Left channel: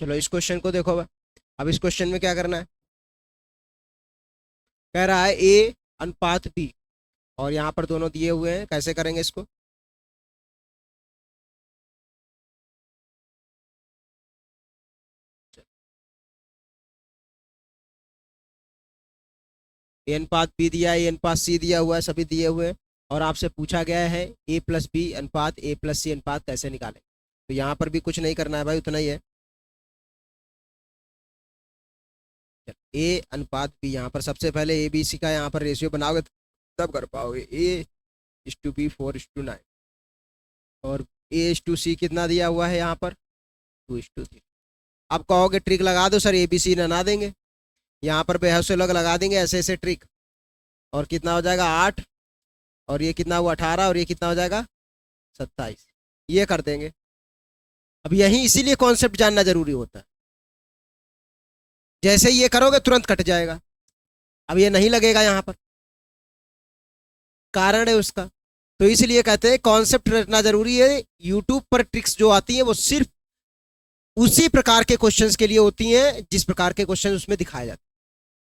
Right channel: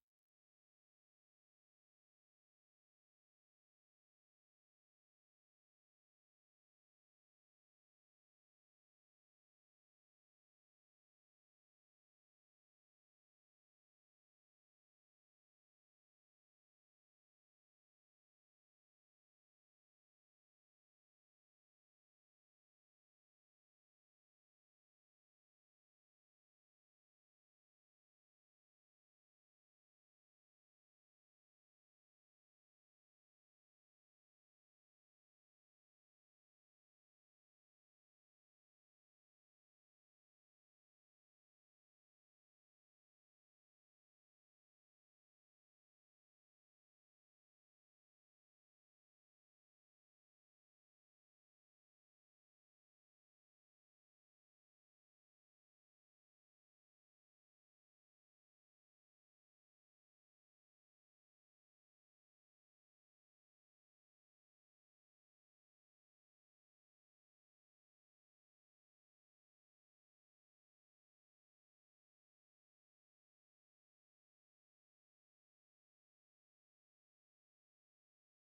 चलो इस क्वेश्चन को देखो अब इस क्वेश्चन में क्या करना है। कह रहा है ए अनुपात बी, और यहाँ पर दोनों दिए हुए हैं, कैसे करेंगे इसको। ए अनुपात बी दिया है, ए अनुपात सी दिया हुआ है, सभी दिए हुए हैं। और आपसे पूछा गया है ए प्लस बी अनुपात ए प्लस सी अनुपात कैसे निकालें। तो यहाँ पर भी कुछ नहीं करना है भाई, उतना ही है। ए अनुपात बी, यहाँ पर सबसे पहले ए बी सी का यहाँ पर रेशियो बनाओगे तब कर पाओगे। ए इस टू बी 4:9, और ए इस टू सी कितना दिया हुआ है यहाँ पर 2:3। अब कहोगे ट्रिक लगा दो सर, ए बी सी ना देंगे। यहाँ पर बेहद से लोग लगा देंगे ऐसे ऐसे ट्रिक, और कितना हो जाएगा 8, और ये कितना हुआ 18, और ये कितना हो जाएगा 27, ये कर देंगे। अब यही इसीलिए कॉन्सेप्ट जानना जरूरी होता है। जैसे ही ये करोगे तुरंत कट जाएगा, अब ये नहीं लगेगा यहाँ पर, कारण है उसका। तो इसलिए कहते हैं कॉन्सेप्ट रखना जरूरी है। यूट्यूब पर ट्रिक्स जो आती हैं वो सिर्फ उसी प्रकार के क्वेश्चंस के लिए होती हैं जिस प्रकार के क्वेश्चन उसमें दिखाए जाते हैं।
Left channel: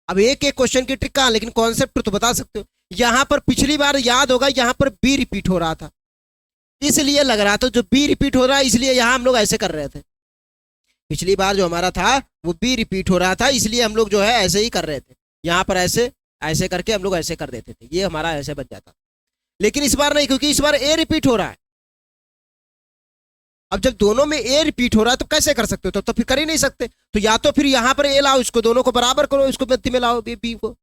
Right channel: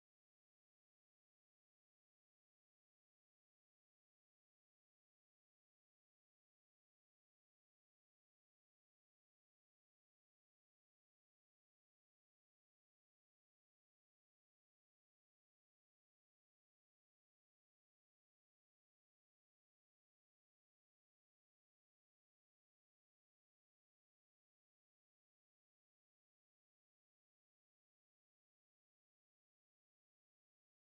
अब एक एक क्वेश्चन की ट्रिक कहाँ, लेकिन कॉन्सेप्ट तो बता सकते हो। यहाँ पर पिछली बार याद होगा, यहाँ पर बी रिपीट हो रहा था, इसलिए लग रहा था जो बी रिपीट हो रहा है, इसलिए यहाँ हम लोग ऐसे कर रहे थे। पिछली बार जो हमारा था वो बी रिपीट हो रहा था, इसलिए हम लोग जो है ऐसे ही कर रहे थे। यहाँ पर ऐसे ऐसे करके हम लोग ऐसे कर देते थे, ये हमारा ऐसे बन जाता। लेकिन इस बार नहीं, क्योंकि इस बार ए रिपीट हो रहा है। अब जब दोनों में ए रिपीट हो रहा है तो कैसे कर सकते हो, तो फिर कर ही नहीं सकते। तो या तो फिर यहाँ पर ए लाओ, इसको दोनों को बराबर करो, इसको मध्य में लाओ बी को,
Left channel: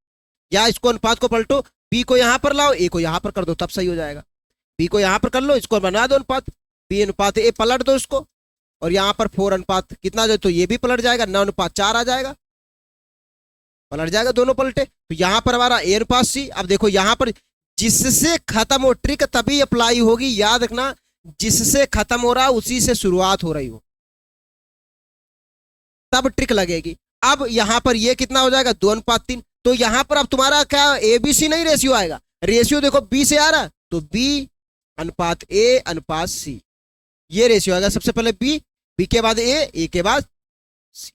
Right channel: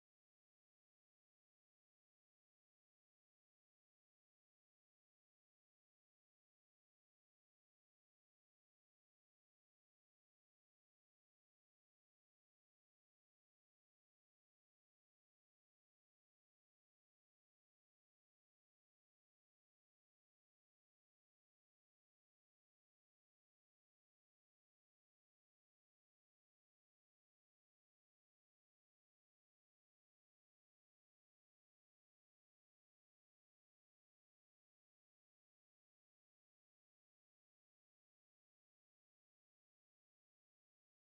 या इसको अनुपात को पलटो, बी को यहाँ पर लाओ, ए को यहाँ पर कर दो, तब सही हो जाएगा। बी को यहाँ पर कर लो, इसको बना दो अनुपात, बी अनुपात ए पलट दो इसको, और यहाँ पर 4 अनुपात कितना जो, तो ये भी पलट जाएगा, 9:4 आ जाएगा, पलट जाएगा, दोनों पलटे। तो यहाँ पर हमारा ए अनुपात सी। अब देखो यहाँ पर जिससे खत्म हो ट्रिक तभी अप्लाई होगी, याद रखना, जिससे खत्म हो रहा उसी से शुरुआत हो रही हो तब ट्रिक लगेगी। अब यहाँ पर ये कितना हो जाएगा 2:3। तो यहाँ पर अब तुम्हारा क्या ए बी सी नहीं रेशियो आएगा, रेशियो देखो बी से आ रहा, तो बी अनुपात ए अनुपात सी, ये रेशियो आएगा। सबसे पहले बी, बी के बाद ए के बाद सी,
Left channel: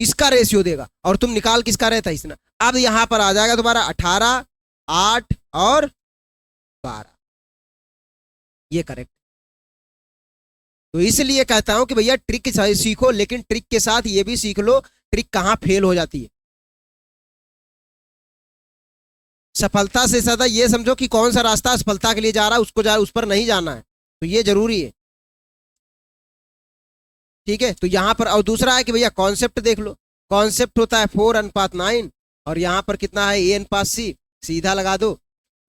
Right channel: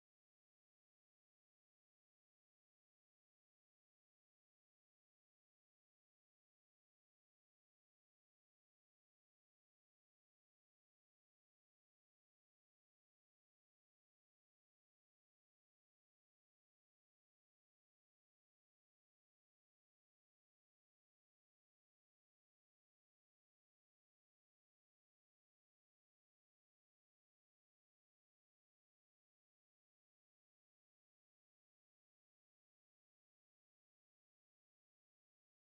इसका रेशियो देगा, और तुम निकाल किसका रहता है इसना। अब यहां पर आ जाएगा तुम्हारा 18, 8 और 12, ये करेक्ट। तो इसलिए कहता हूं कि भैया ट्रिक सीखो, लेकिन ट्रिक के साथ ये भी सीख लो ट्रिक कहां फेल हो जाती है। सफलता से ज्यादा ये समझो कि कौन सा रास्ता सफलता के लिए जा रहा है, उसको उस पर नहीं जाना है, तो ये जरूरी है। ठीक है, तो यहाँ पर और दूसरा है कि भैया कॉन्सेप्ट देख लो। कॉन्सेप्ट होता है 4:9, और यहाँ पर कितना है A/C, सीधा लगा दो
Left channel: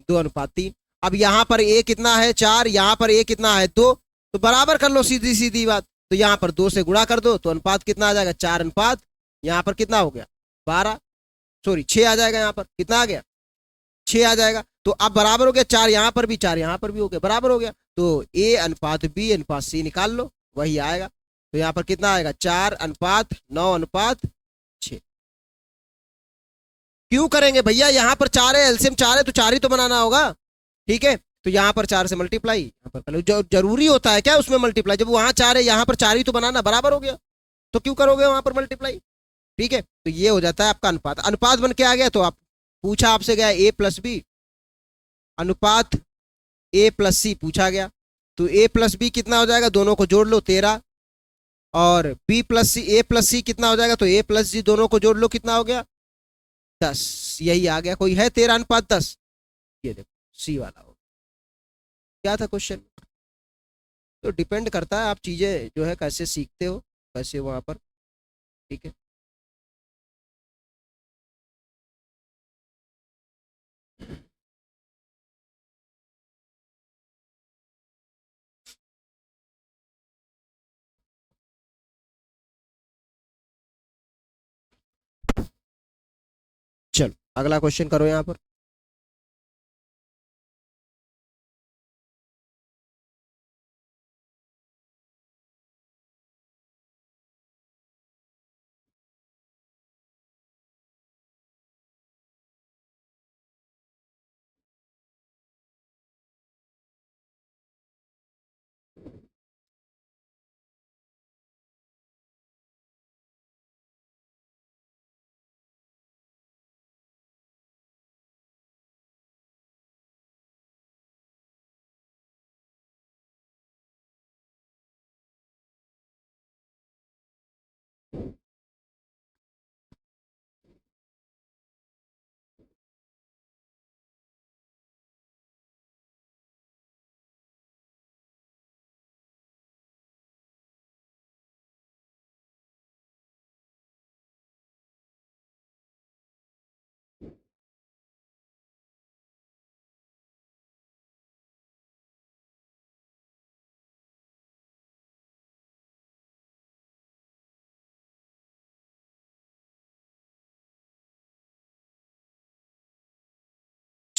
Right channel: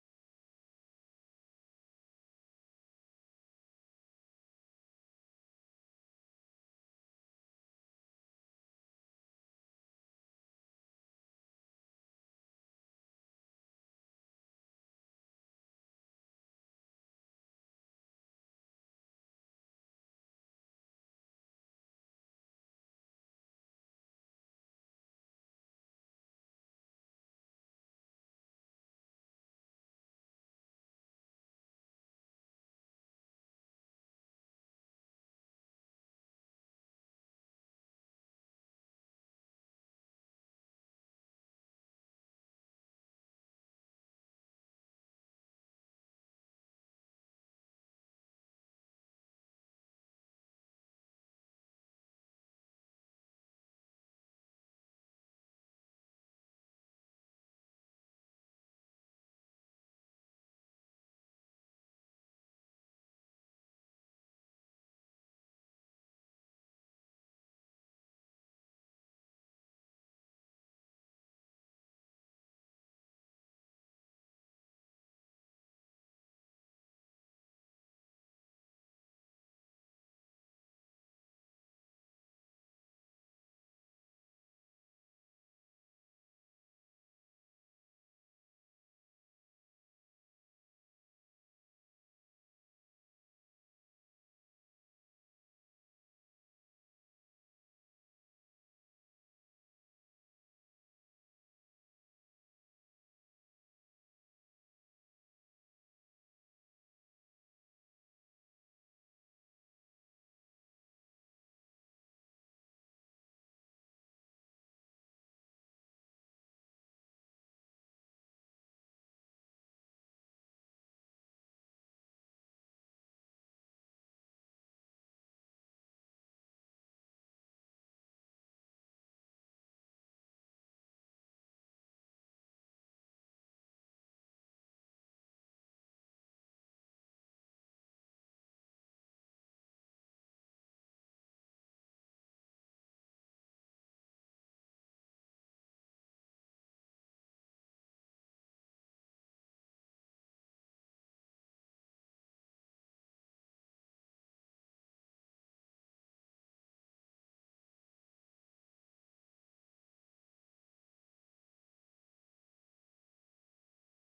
2:3। अब यहाँ पर ए कितना है 4, यहाँ पर ए कितना है 2, तो बराबर कर लो, सीधी सीधी बात। तो यहाँ पर 2 से गुणा कर दो, तो अनुपात कितना आ जाएगा 4 अनुपात, यहाँ पर कितना हो गया 12, सॉरी 6 आ जाएगा, यहाँ पर कितना आ गया 6 आ जाएगा। तो अब बराबर हो गया, 4 यहाँ पर भी 4 यहाँ पर भी हो गया, बराबर हो गया। तो ए अनुपात बी अनुपात सी निकाल लो, वही आएगा। तो यहाँ पर कितना आएगा 4:9:6। क्यों करेंगे भैया, यहाँ पर 4 है, एलसीएम 4 है, तो 4 ही तो बनाना होगा। ठीक है, तो यहाँ पर 4 से मल्टीप्लाई, यहाँ पर कर लो। जो जरूरी होता है क्या उसमें मल्टीप्लाई, जब वहां 4 है यहाँ पर 4 ही तो बनाना, बराबर हो गया, तो क्यों करोगे वहां पर मल्टीप्लाई। ठीक है, तो ये हो जाता है आपका अनुपात। अनुपात बन के आ गया, तो आप पूछा आपसे गया A+B अनुपात A+C पूछा गया, तो A+B कितना हो जाएगा, दोनों को जोड़ लो 13, और B+C A+C कितना हो जाएगा, तो A+G दोनों को जोड़ लो कितना हो गया 10, यही आ गया। कोई है 13:10, ये देखो सी वाला हो। क्या था क्वेश्चन। तो डिपेंड करता है आप चीजें जो है कैसे सीखते हो, कैसे वहां पर। ठीक है, चलो अगला क्वेश्चन करो यहाँ पर।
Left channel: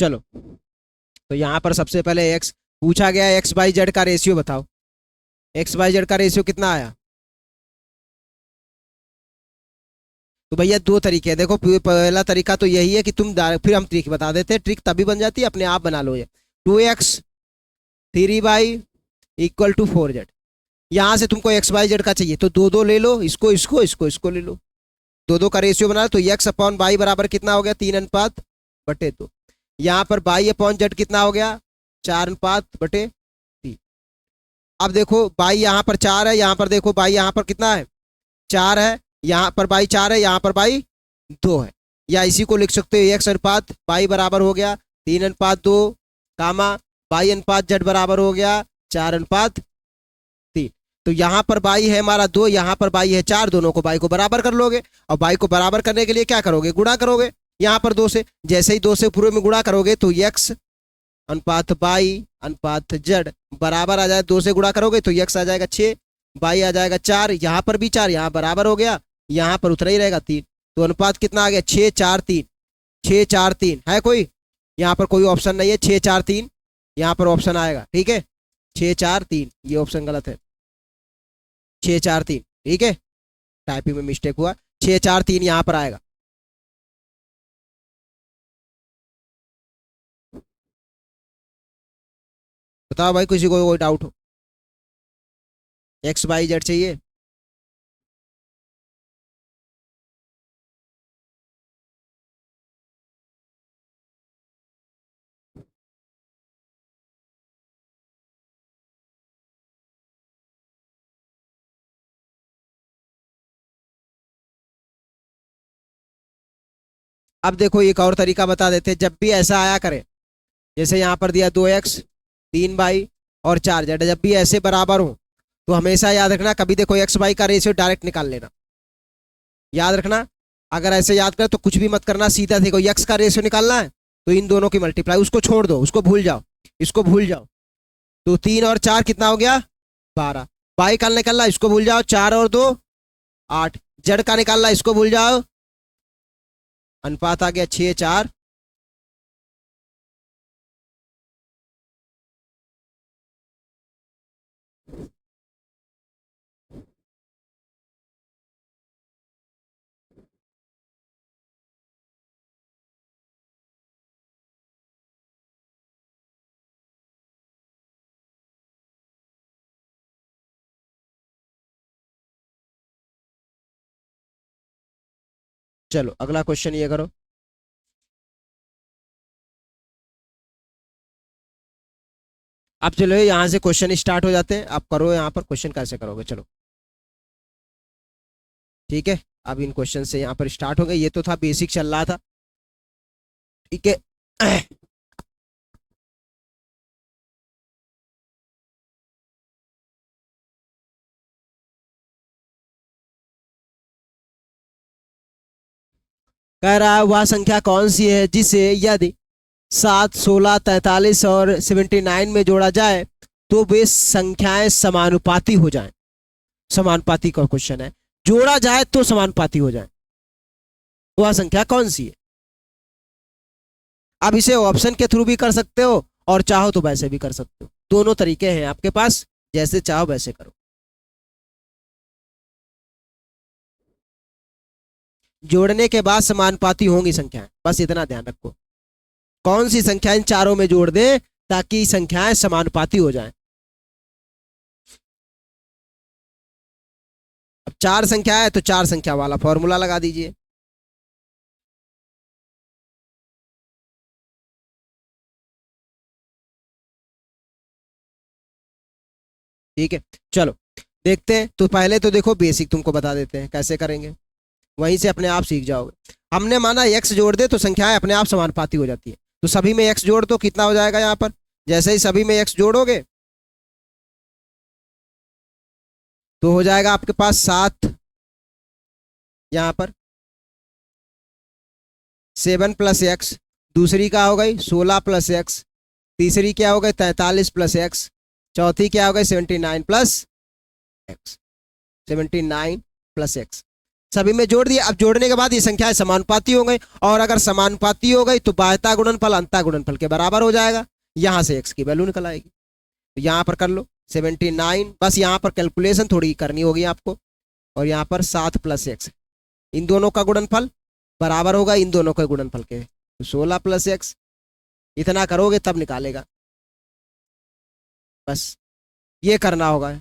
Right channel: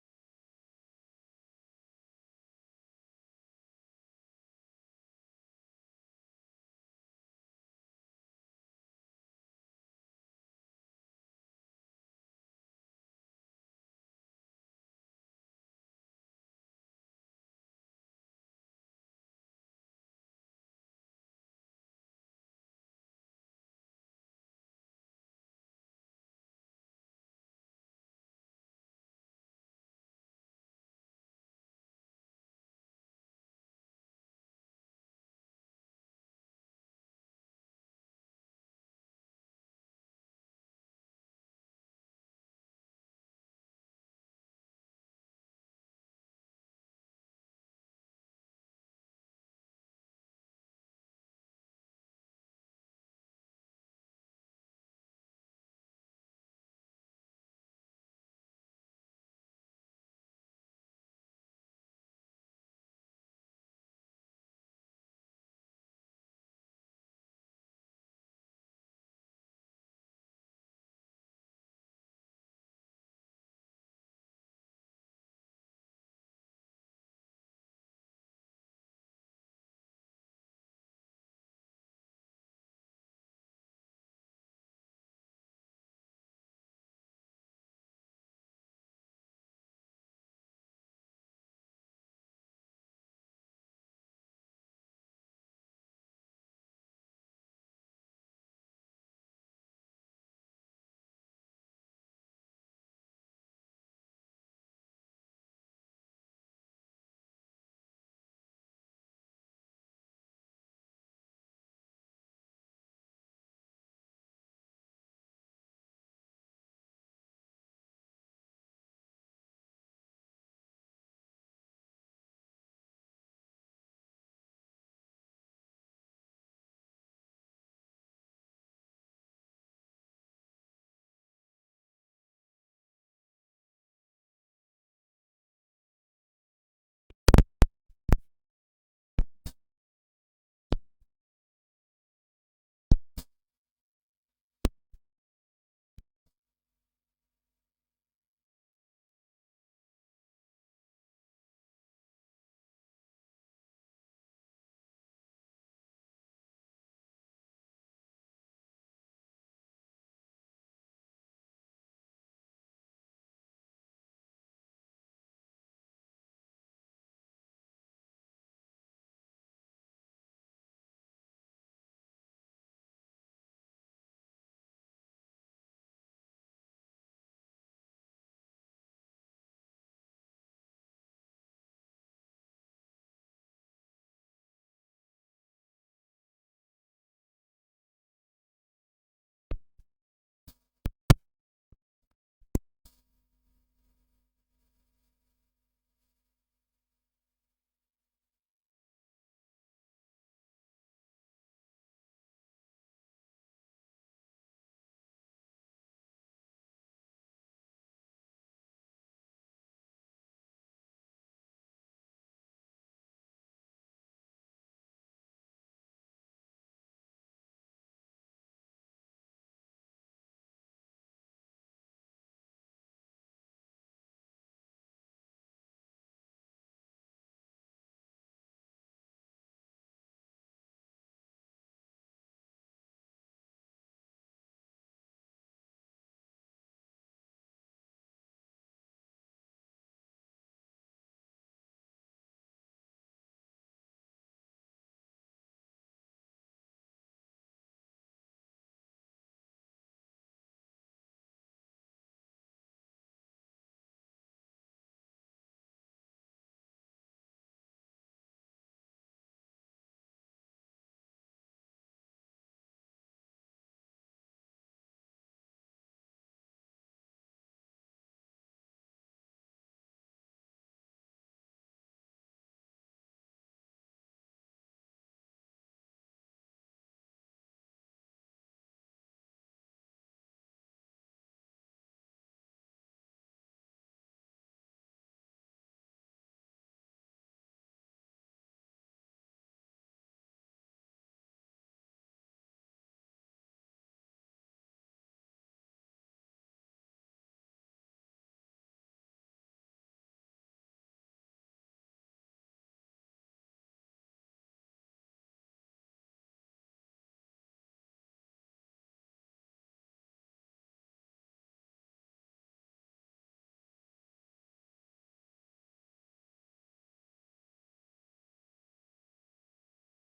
चलो, तो यहाँ पर सबसे पहले एक्स पूछा गया, एक्स बाई जेड का रेशियो बताओ। एक्स बाई जेड का रेशियो कितना आया? तो भैया दो तरीके हैं, देखो पहला तरीका तो यही है कि तुम फिर हम ट्रिक बता देते हैं, ट्रिक तभी बन जाती है, अपने आप बना लो ये। 2x 3y equal to 4z। यहाँ से तुमको एक्स बाई जेड का चाहिए तो दो दो ले लो, इसको इसको इसको इसको ले लो, दो दो का रेशियो बना लो। तो एक्स अपॉन बाई बराबर कितना हो गया? 3:2। यहाँ पर बाई अपॉन जेड कितना हो गया? 4:3। अब देखो बाई यहाँ पर 4 है, यहाँ पर देखो बाई यहाँ पर कितना है? 4 है, यहाँ पर बाई 4 है, यहाँ पर बाई 2 है। या इसी को लिख सकते हो एक्स अनुपात बाई बराबर हो गया 3:2 कामा बाई अनुपात जेड बराबर हो गया 4:3। तो यहाँ पर बाई है हमारा 2, यहाँ पर बाई है 4, दोनों को बाई को बराबर कर लोगे। और बाई को बराबर करने के लिए क्या करोगे? गुणा करोगे यहाँ पर 2 से। जैसे ही 2 से पूरे में गुणा करोगे तो एक्स अनुपात बाई अनुपात जेड बराबर आ जाए, 2 से गुणा करोगे तो एक्स आ जाएगा 6, बाई आ जाएगा 4, यहाँ पर भी 4, यहाँ बराबर हो गया, यहाँ पर उतना ही रहेगा 3। तो अनुपात कितना आ गया? 6:4:3। 6:4:3 है कोई? यहाँ पर कोई ऑप्शन नहीं है, 6:4:3 यहाँ पर ऑप्शन आएगा, ठीक है। 6:4:3 ये ऑप्शन गलत है, 6:4:3 ठीक है, टाइपिंग में मिस्टेक हुआ, 6:4:3 यहाँ पर आएगा। बताओ भाई किसी को कोई डाउट हो? एक्स बाई जेड चाहिए? अब देखो एक और तरीका बता देते हैं, जब भी ऐसा आया करे, जैसे यहाँ पर दिया 2x 3y और 4z, जब भी ऐसे बराबर हो तो हमेशा याद रखना, कभी देखो एक्स बाई का रेशियो डायरेक्ट निकाल लेना, याद रखना। अगर ऐसे याद कर तो कुछ भी मत करना, सीधा देखो एक्स का रेशियो निकालना है तो इन दोनों की मल्टीप्लाई, उसको छोड़ दो, उसको भूल जाओ, इसको भूल जाओ। तो 3 और 4 कितना हो गया? 12। बाई का निकालना, इसको भूल जाओ, 4 और 2 8। जेड का निकालना, इसको भूल जाओ, अनुपात आ गया 6:4। चलो अगला क्वेश्चन ये करो। अब चलो यहाँ से क्वेश्चन स्टार्ट हो जाते हैं, आप करो यहाँ पर क्वेश्चन कैसे करोगे, चलो ठीक है। अब इन क्वेश्चन से यहाँ पर स्टार्ट हो गए, ये तो था बेसिक चल रहा था, ठीक है। कह रहा है वह संख्या कौन सी है जिसे यदि 7, 16, 43 और 79 में जोड़ा जाए तो वे संख्याएं समानुपाती हो जाएं। समानुपाती का क्वेश्चन है, जोड़ा जाए तो समानुपाती हो जाए, वह संख्या कौन सी है? अब इसे ऑप्शन के थ्रू भी कर सकते हो और चाहो तो वैसे भी कर सकते हो, दोनों तरीके हैं आपके पास, जैसे चाहो वैसे करो। जोड़ने के बाद समानुपाती होंगी संख्याएं, बस इतना ध्यान रखो, कौन सी संख्या इन चारों में जोड़ दें ताकि संख्याएं समानुपाती हो जाएं। अब 4 संख्या है तो 4 संख्या वाला फॉर्मूला लगा दीजिए, ठीक है। चलो देखते हैं, तो पहले तो देखो बेसिक तुमको बता देते हैं कैसे करेंगे, वहीं से अपने आप सीख जाओगे। हमने माना x जोड़ दे तो संख्याएं अपने आप समानुपाती हो जाती है, तो सभी में x जोड़ दो, कितना हो जाएगा यहाँ पर? जैसे ही सभी में x जोड़ोगे तो हो जाएगा आपके पास 7, यहाँ पर 7 + x, दूसरी क्या हो गई 16 + x, तीसरी क्या हो गई 43 + x, चौथी क्या हो गई 79 + x, 79 + x। सभी में जोड़ दिया। अब जोड़ने के बाद ये संख्याएं समानुपाती हो गई, और अगर समानुपाती हो गई तो बाह्यता गुणनफल अंतः गुणनफल के बराबर हो जाएगा। यहाँ से x की वैल्यू निकल आएगी। तो यहाँ पर कर लो 79, बस यहाँ पर कैलकुलेशन थोड़ी करनी होगी आपको। और यहाँ पर 7 + x, इन दोनों का गुणनफल बराबर होगा इन दोनों के गुणनफल के। तो 16 + x, इतना करोगे तब निकालेगा। बस ये करना होगा।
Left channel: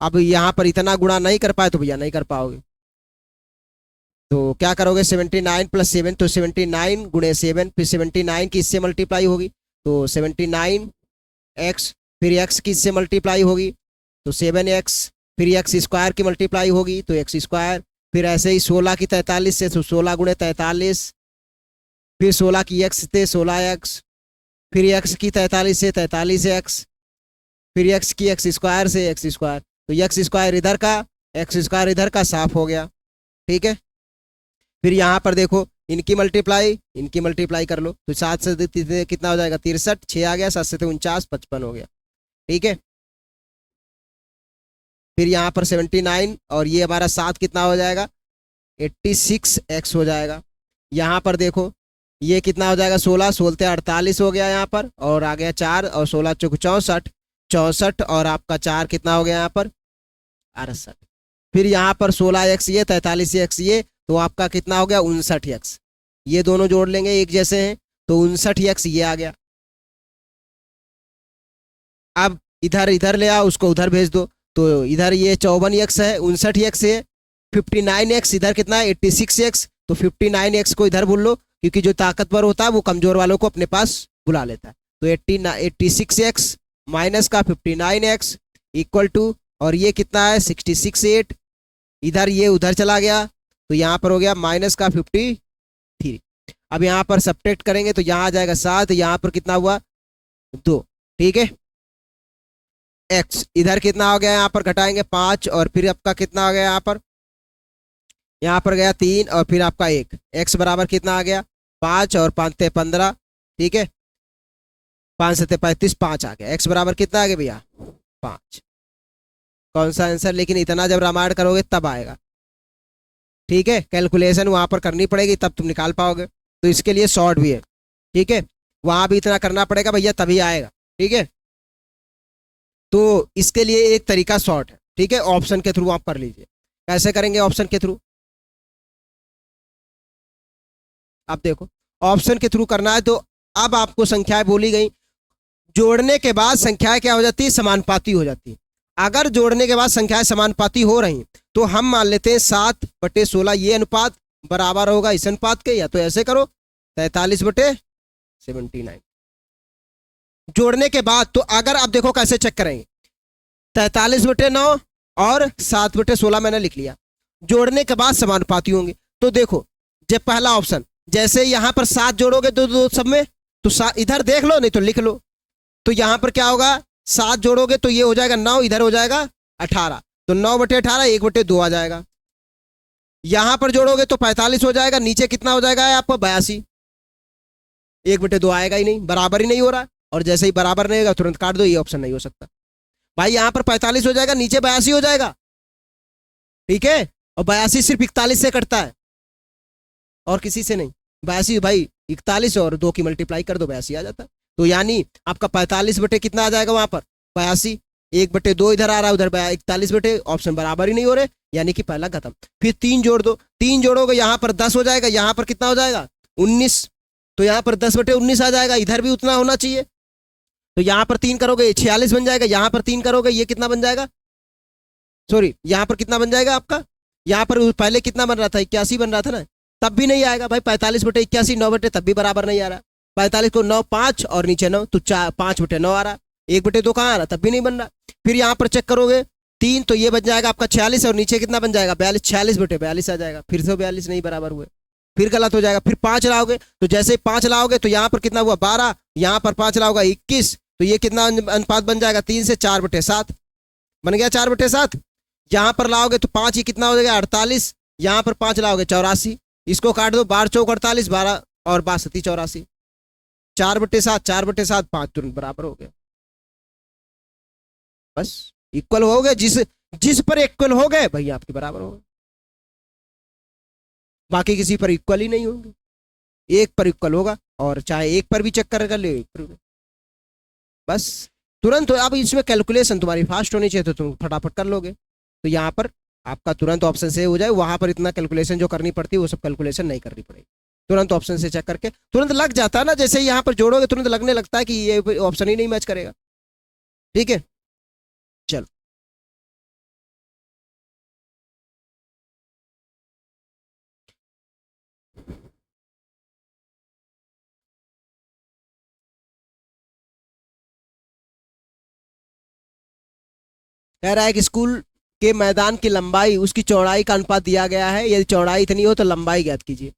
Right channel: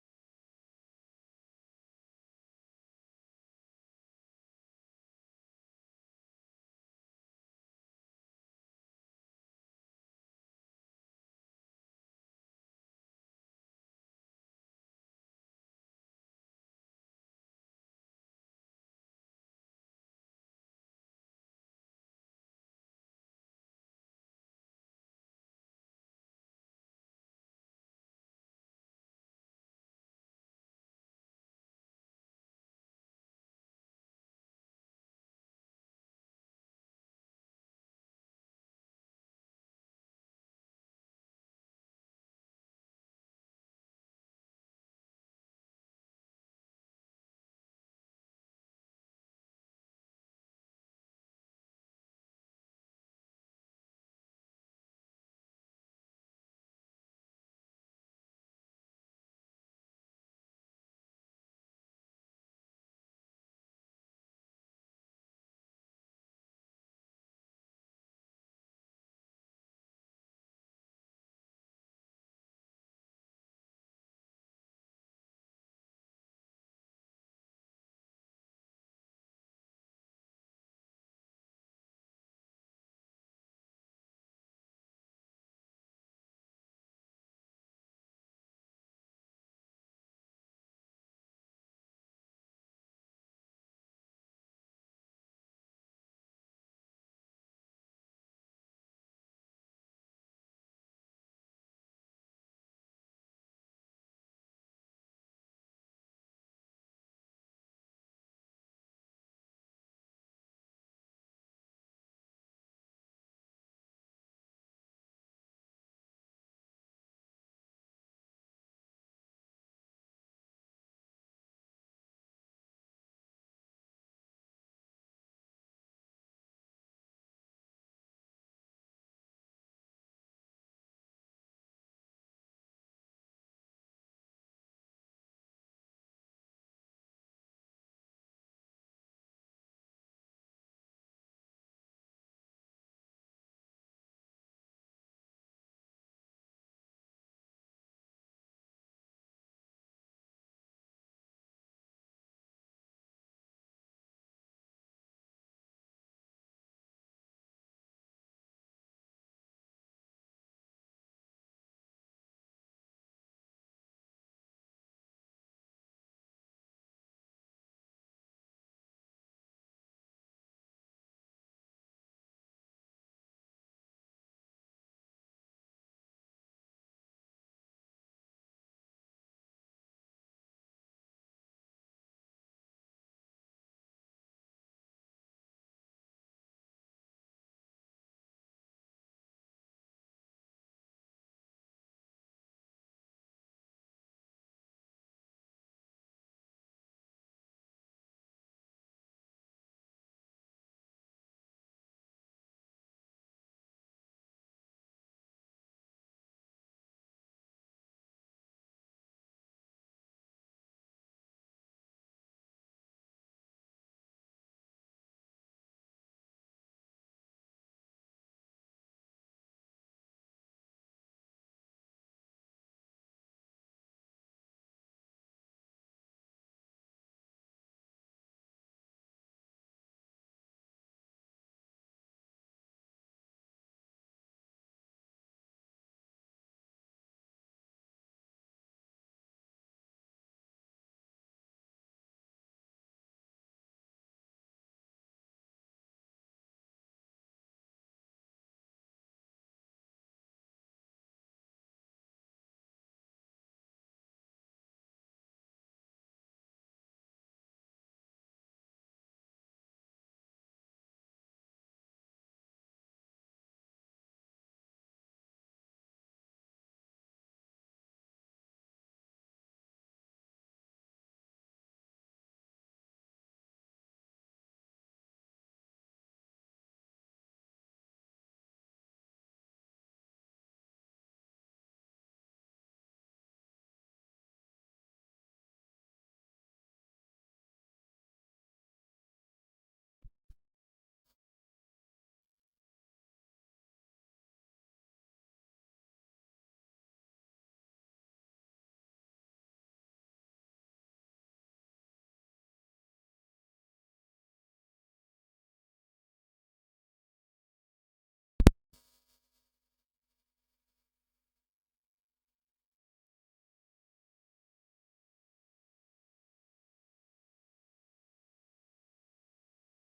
अब यहाँ पर इतना गुणा नहीं कर पाए तो भैया नहीं कर पाओगे। तो क्या करोगे, 79 + 7, तो 79 × 7, फिर 79 की इससे मल्टीप्लाई होगी तो 79x, फिर x की इससे मल्टीप्लाई होगी तो 7x, फिर x² की मल्टीप्लाई होगी तो x², फिर ऐसे ही 16 की 43 से तो 16 × 43, फिर 16 की x से 16x, फिर x की 43 से 43x, फिर x की x² से x², तो x² इधर का x² इधर का साफ हो गया। ठीक है, फिर यहाँ पर देखो इनकी मल्टीप्लाई कर लो तो 7 से कितना हो जाएगा, 63, 6 आ गया, 7 से 49, 55 हो गया। ठीक है, फिर यहाँ पर 79 और ये हमारा 7 कितना हो जाएगा, 86x हो जाएगा। यहाँ पर देखो ये कितना हो जाएगा, 16 16 48 हो गया यहाँ पर, और आ गया 4 और 16 × 64, 64 और आपका 4 कितना हो गया यहाँ पर 68। फिर यहाँ पर 16x ये 43x ये, तो आपका कितना हो गया 59x। ये दोनों जोड़ लेंगे एक जैसे हैं तो 59x ये आ गया। अब इधर ले आओ, उसको उधर भेज दो, तो इधर ये 54x है, 59x है, 59x इधर कितना है 86x, तो 59x को इधर भूल लो, क्योंकि जो ताकतवर होता है वो कमजोर वालों को अपने पास बुला लेता है। तो 86x माइनस का 59x इक्वल टू, और ये कितना है 66/8, इधर ये उधर चला गया तो यहाँ पर हो गया माइनस का 53। अब यहाँ पर सब्ट्रैक्ट करेंगे तो यहाँ आ जाएगा 7, यहाँ पर कितना हुआ 2। ठीक है, x इधर कितना हो गया, यहाँ पर घटाएंगे 5, और फिर आपका कितना आ गया यहाँ पर गया 3, और फिर आपका 1, x बराबर कितना आ गया 5 और 5 × 15। ठीक है, 5 से 35, 5 आ गया, x बराबर कितना आ गया भैया 5। कौन सा आंसर, लेकिन इतना जब रामायण करोगे तब आएगा। ठीक है, कैलकुलेशन वहां पर करनी पड़ेगी तब तुम निकाल पाओगे, तो इसके लिए शॉर्ट भी है। ठीक है, वहां भी इतना करना पड़ेगा भैया तभी आएगा। ठीक है, तो इसके लिए एक तरीका शॉर्ट है। ठीक है, ऑप्शन के थ्रू आप कर लीजिए। कैसे करेंगे ऑप्शन के थ्रू, आप देखो ऑप्शन के थ्रू करना है तो अब आपको संख्याएं बोली गई, जोड़ने के बाद संख्याएं क्या हो जाती है, समानुपाती हो जाती है। अगर जोड़ने के बाद संख्याएं समानुपाती हो रही तो हम मान लेते हैं 7/16 ये अनुपात बराबर होगा इस अनुपात के, या तो ऐसे करो 43/79। जोड़ने के बाद तो अगर आप देखो कैसे चेक करेंगे, 43/9 और 7/16 मैंने लिख लिया, जोड़ने के बाद समानुपाती होंगे। तो देखो जब पहला ऑप्शन, जैसे यहां पर 7 जोड़ोगे दो सब में, तो इधर देख लो नहीं तो लिख लो, तो यहां पर क्या होगा 7 जोड़ोगे तो ये हो जाएगा 9, इधर हो जाएगा 18, तो 9/18 1/2 आ जाएगा। यहां पर जोड़ोगे तो 45 हो जाएगा, नीचे कितना हो जाएगा आपको 82, 1/2 आएगा ही नहीं, बराबर ही नहीं हो रहा। और जैसे ही बराबर नहीं होगा तुरंत काट दो, ये ऑप्शन नहीं हो सकता भाई। यहां पर 45 हो जाएगा, नीचे 82 हो जाएगा। ठीक है, और 82 सिर्फ 41 से कटता है और किसी से नहीं। 82 भाई 41 और 2 की मल्टीप्लाई कर दो 82 आ जाता है। तो यानी आपका 45 कितना आ जाएगा वहां पर 82, 1/2 इधर आ रहा है, उधर 41, ऑप्शन बराबर ही नहीं हो रहे, यानी कि पहला खत्म। फिर 3 जोड़ दो, 3 जोड़ोगे यहाँ पर 10 हो जाएगा, यहाँ पर कितना हो जाएगा 19, तो यहाँ पर 10/19 आ जाएगा, इधर भी उतना होना चाहिए। तो यहाँ पर 3 करोगे 46 बन जाएगा, यहाँ पर 3 करोगे ये कितना बन जाएगा, सॉरी यहाँ पर कितना बन जाएगा आपका, यहाँ पर पहले कितना बन रहा था 81 बन रहा था ना, तब भी नहीं आएगा भाई। 45/81 9 तब भी बराबर नहीं आ रहा। 45 को 9 5 और नीचे 9 तो 5/9 आ रहा, 1/2 कहाँ आ रहा, तब भी नहीं बन रहा। फिर यहाँ पर चेक करोगे 3 तो ये बन जाएगा आपका 46 और नीचे कितना बन जाएगा 42, 46/42 आ जाएगा, फिर से 42 नहीं बराबर हुए, फिर गलत हो जाएगा। फिर 5 लाओगे तो जैसे ही 5 लाओगे तो यहाँ पर कितना हुआ 12, यहाँ पर 5 लाओगा 21, तो ये कितना अनुपात बन जाएगा 3 से 4/7 बन गया 4/7। यहाँ पर लाओगे तो 5 ही कितना हो जाएगा 48, यहाँ पर 5 लाओगे 84, इसको काट दो 12 चौक 48, 12 और 62 84, 4/7 4/7 5 तुरंत बराबर हो गया। बस इक्वल हो गए, जिस पर इक्वल हो गए भैया आपके बराबर हो गए। बाकी किसी पर इक्वल ही नहीं होंगे, एक पर इक्वल होगा, और चाहे एक पर भी चेक कर ले, एक पर भी। बस तुरंत। अब इसमें कैलकुलेशन तुम्हारी फास्ट होनी चाहिए तो तुम फटाफट कर लोगे। तो यहाँ पर आपका तुरंत ऑप्शन से हो जाए, वहां पर इतना कैलकुलेशन जो करनी पड़ती है वो सब कैलकुलेशन नहीं करनी पड़ेगी, तुरंत ऑप्शन से चेक करके तुरंत लग जाता है ना। जैसे ही यहाँ पर जोड़ोगे तुरंत लगने लगता है कि ये ऑप्शन ही नहीं मैच करेगा। ठीक है, चलो। कह रहा है कि स्कूल के मैदान की लंबाई उसकी चौड़ाई का अनुपात दिया गया है, यदि चौड़ाई इतनी हो तो लंबाई ज्ञात कीजिए।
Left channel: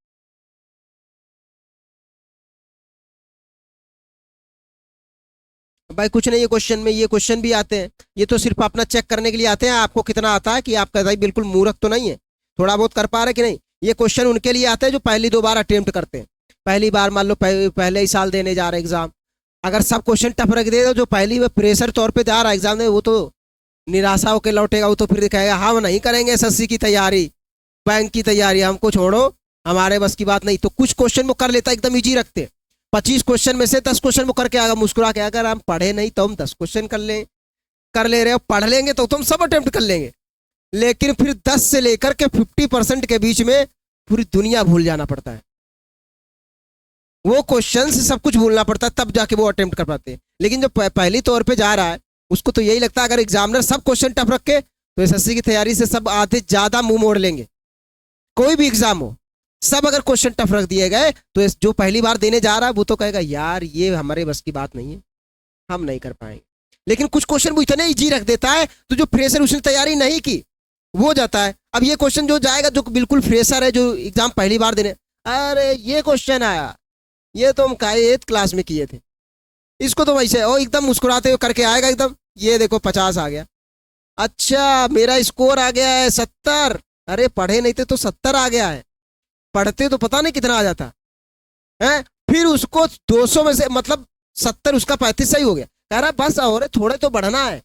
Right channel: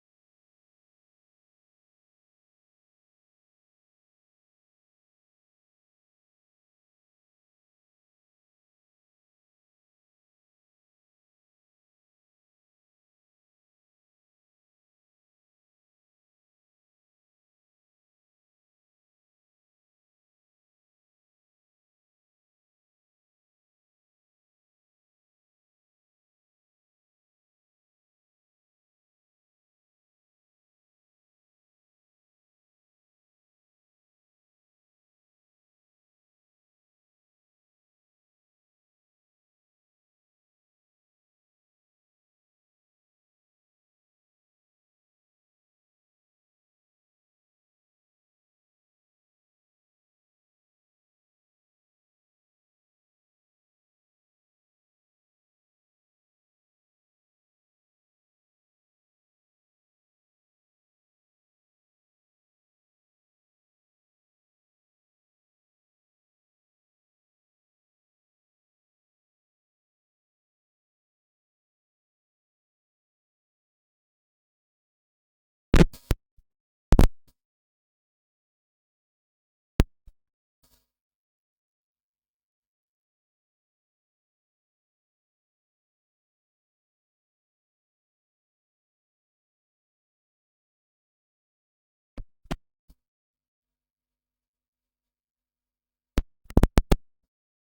भाई कुछ नहीं है क्वेश्चन में, ये क्वेश्चन भी आते हैं, ये तो सिर्फ अपना चेक करने के लिए आते हैं आपको कितना आता है, कि आपका भाई बिल्कुल मूर्ख तो नहीं है, थोड़ा बहुत कर पा रहे कि नहीं। ये क्वेश्चन उनके लिए आते हैं जो पहली दो बार अटेम्प्ट करते हैं, पहली बार मान लो पहले ही साल देने जा रहे एग्जाम। अगर सब क्वेश्चन टफ रख दे तो जो पहली में प्रेशर तौर पर जा रहा है एग्जाम में, वो तो निराशा होकर लौटेगा, वो तो फिर दिखाएगा हम नहीं करेंगे एसएससी की तैयारी, बैंक की तैयारी हमको छोड़ो, हमारे बस की बात नहीं। तो कुछ क्वेश्चन वो कर लेता, एकदम इजी रखते, 25 क्वेश्चन में से 10 क्वेश्चन वो करके आएगा मुस्कुरा के, अगर हम पढ़े नहीं तो हम 10 क्वेश्चन कर ले रहे हो, पढ़ लेंगे तो तुम सब अटेम्प्ट कर लेंगे। लेकिन फिर 10 से लेकर के 50% के बीच में पूरी दुनिया भूल जाना पड़ता है, वो क्वेश्चन से सब कुछ भूलना पड़ता है, तब जाके वो अटेम्प्ट कर पाते हैं। लेकिन जो पहली तौर पे जा रहा है उसको तो यही लगता है अगर एग्जामिनर सब क्वेश्चन टफ रखे तो एसएससी की तैयारी से सब आधे ज्यादा मुंह मोड़ लेंगे। कोई भी एग्जाम हो, सब अगर क्वेश्चन टफ रख दिए गए तो जो पहली बार देने जा रहा है वो तो कहेगा यार ये हमारे बस की बात नहीं है, हम नहीं कर पाएंगे। लेकिन कुछ क्वेश्चन वो इतने इजी रख देता है तो जो फ्रेशर उसने तैयारी नहीं की वो जाता है। अब ये क्वेश्चन जो जाएगा जो बिल्कुल फ्रेशर है, जो एग्जाम पहली बार देने, अरे ये क्वेश्चन आया, ये तो हम 8th क्लास में किए थे, इसको तो वैसे और एकदम मुस्कुराते हुए करके आएगा एकदम, ये देखो 50 आ गया, अच्छा मेरा स्कोर आ गया है 70, अरे पढ़े नहीं थे तो 70 आ गया है, पढ़ते तो पता नहीं कितना आ जाता है। फिर उसको 200 में से मतलब 70 उसका 35 सही हो गया, कह रहा बस और थोड़े तो बढ़ना है,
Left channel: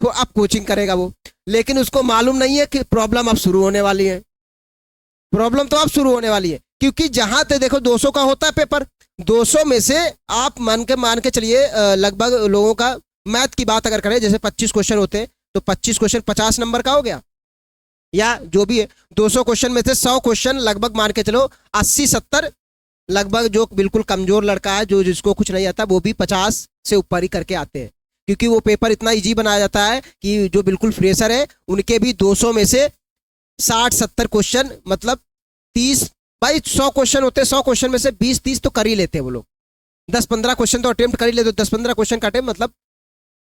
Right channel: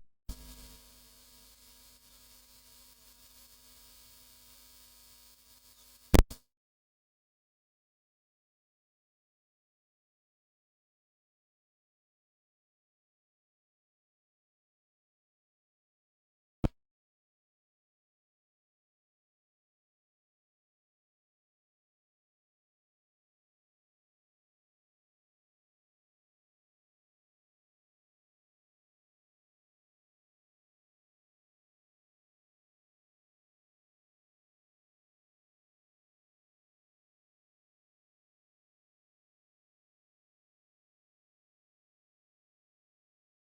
तो अब कोचिंग करेगा वो। लेकिन उसको मालूम नहीं है कि प्रॉब्लम अब शुरू होने वाली है, प्रॉब्लम तो अब शुरू होने वाली है, क्योंकि जहां तक देखो 200 का होता है पेपर, 200 में से आप मान के चलिए लगभग लोगों का मैथ की बात अगर करें जैसे 25 क्वेश्चन होते हैं तो 25 क्वेश्चन 50 नंबर का हो गया, या जो भी है 200 क्वेश्चन में से 100 क्वेश्चन लगभग मान के चलो 80-70, लगभग जो बिल्कुल कमजोर लड़का है जो जिसको कुछ नहीं आता वो भी 50 से ऊपर ही करके आते हैं, क्योंकि वो पेपर इतना इजी बनाया जाता है कि जो बिल्कुल फ्रेशर है उनके भी 200 में से 60-70 क्वेश्चन मतलब 30, भाई 100 क्वेश्चन होते हैं, 100 क्वेश्चन में से 20-30 तो कर ही लेते हैं वो लोग, 10-15 क्वेश्चन तो अटेम्प्ट कर ही लेते, 10-15 क्वेश्चन का अटेम्प्ट मतलब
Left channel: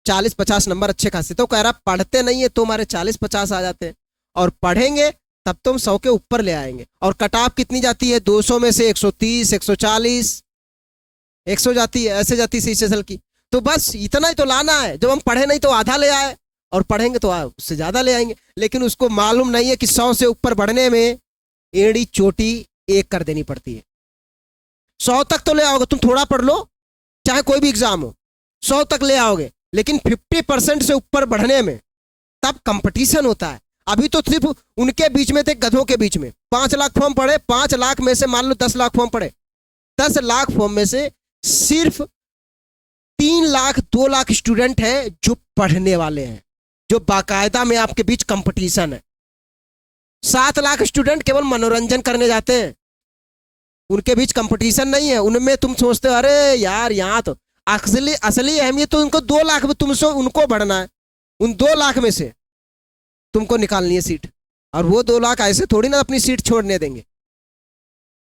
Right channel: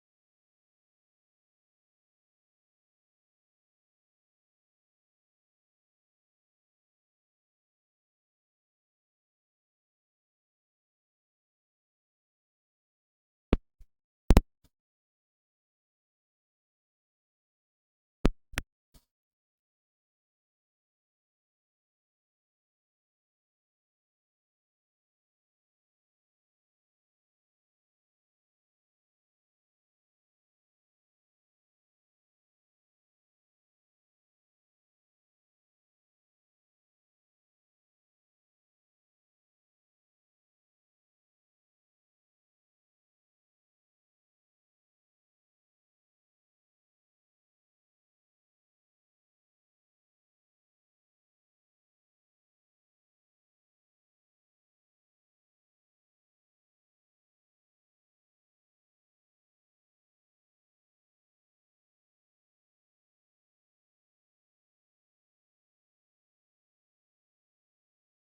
40-50 नंबर अच्छे खासे। तो कह रहा पढ़ते नहीं है तो हमारे 40-50 आ जाते हैं, और पढ़ेंगे तब तो हम 100 के ऊपर ले आएंगे। और कट ऑफ कितनी जाती है 200 में से 130, 140, 100 जाती है, ऐसे जाती है CCSL की। तो बस इतना ही तो लाना है, जब हम पढ़े नहीं तो आधा ले आए, और पढ़ेंगे तो उससे ज्यादा ले आएंगे। लेकिन उसको मालूम नहीं है कि 100 से ऊपर बढ़ने में एड़ी चोटी एक कर देनी पड़ती है। 100 तक तो ले आओगे, तुम थोड़ा पढ़ लो चाहे कोई भी एग्जाम हो, 100 तक ले आओगे, लेकिन 50% से ऊपर बढ़ने में तब कंपटीशन होता है। अभी तो सिर्फ उनके बीच में थे, गधों के बीच में 5 लाख फॉर्म पड़े, 5 लाख में से मान लो 10 लाख फॉर्म पड़े, 10 लाख फॉर्म में से सिर्फ 3 लाख 2 लाख स्टूडेंट हैं जो पढ़ने वाले हैं, जो बाकायदा में आपके बीच कंपटीशन है। 7 लाख स्टूडेंट केवल मनोरंजन करने जाते हैं, उनके बीच कंपटीशन नहीं है। उनमें तुम सोचते हो अरे यार यहाँ तो असली अहमियत तो उनको 2 लाख में तुमसे उनको बढ़ना है, उन 2 लाख में से तुमको निकालनी है सीट, और वो 2 लाख ऐसे थोड़ी ना अपनी सीट छोड़ने देंगे।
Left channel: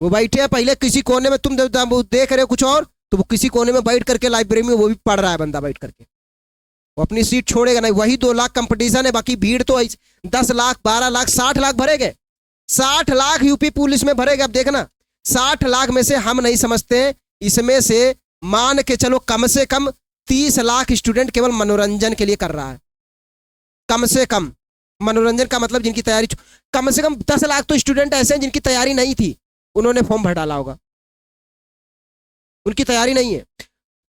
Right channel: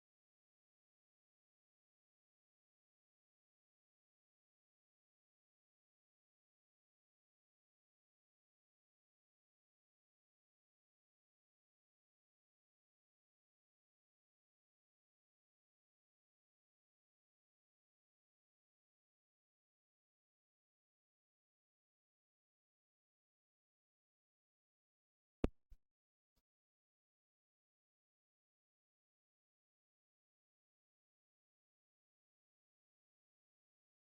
वो बैठे हैं पहले किसी कोने में, तुम देख रहे हो कुछ और, तो वो किसी कोने में बैठ करके लाइब्रेरी में वो भी पढ़ रहा है बंदा बैठ करके, वो अपनी सीट छोड़ेगा नहीं। वही 2 लाख कंपटीशन है, बाकी भीड़ तो 10 लाख 12 लाख 60 लाख भरेगे, 60 लाख यूपी पुलिस में भरेगा। अब देखना 60 लाख में से हम नहीं समझते हैं, इसमें से मान के चलो कम से कम 30 लाख स्टूडेंट केवल मनोरंजन के लिए कर रहा है, कम से कम। मनोरंजन का मतलब जिनकी तैयारी, कम से कम 10 लाख तो स्टूडेंट ऐसे हैं जिनकी तैयारी नहीं थी, उन्होंने फॉर्म भर डाला होगा, उनकी तैयारी नहीं है।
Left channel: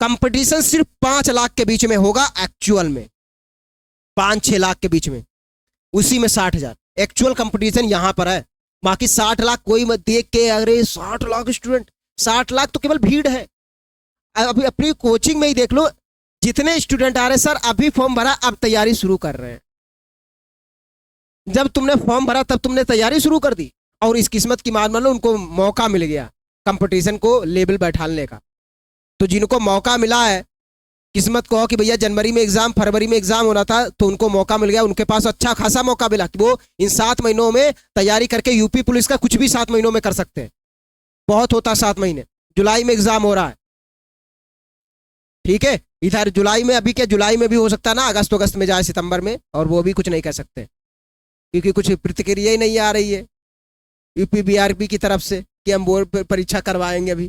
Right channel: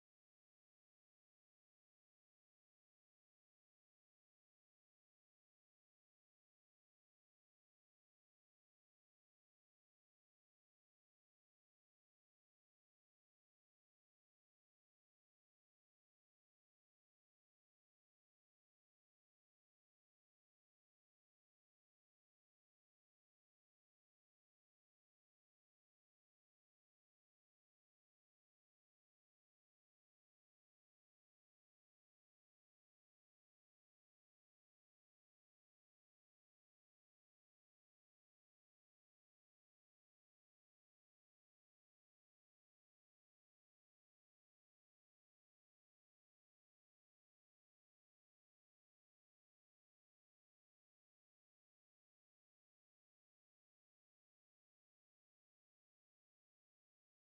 कंपटीशन सिर्फ 5 लाख के बीच में होगा एक्चुअल में, 5-6 लाख के बीच में, उसी में 60,000 एक्चुअल कंपटीशन यहां पर है। बाकी 60 लाख कोई मत देख के, अरे 60 लाख स्टूडेंट, 60 लाख तो केवल भीड़ है। अभी अपनी कोचिंग में ही देख लो, जितने स्टूडेंट आ रहे सर अभी फॉर्म भरा अब तैयारी शुरू कर रहे हैं। जब तुमने फॉर्म भरा तब तुमने तैयारी शुरू कर दी, और इस किस्मत की मान लो उनको मौका मिल गया कंपटीशन को लेवल बैठाने का। तो जिनको मौका मिला है, किस्मत को कि भैया जनवरी में एग्जाम, फरवरी में एग्जाम होना था, तो उनको मौका मिल गया, उनके पास अच्छा खासा मौका मिला कि वो इन 7 महीनों में तैयारी करके यूपी पुलिस का कुछ भी 7 महीनों में कर सकते हैं। बहुत होता 7 महीने, जुलाई में एग्जाम हो रहा है, ठीक है। इधर जुलाई में, अभी क्या जुलाई में भी हो सकता है ना, अगस्त में जाए, सितंबर में, और वो भी कुछ नहीं कह सकते क्योंकि कुछ प्रतिक्रिया ही नहीं आ रही है यूपी बीआरपी की तरफ से कि हम बोर्ड परीक्षा करवाएंगे अभी,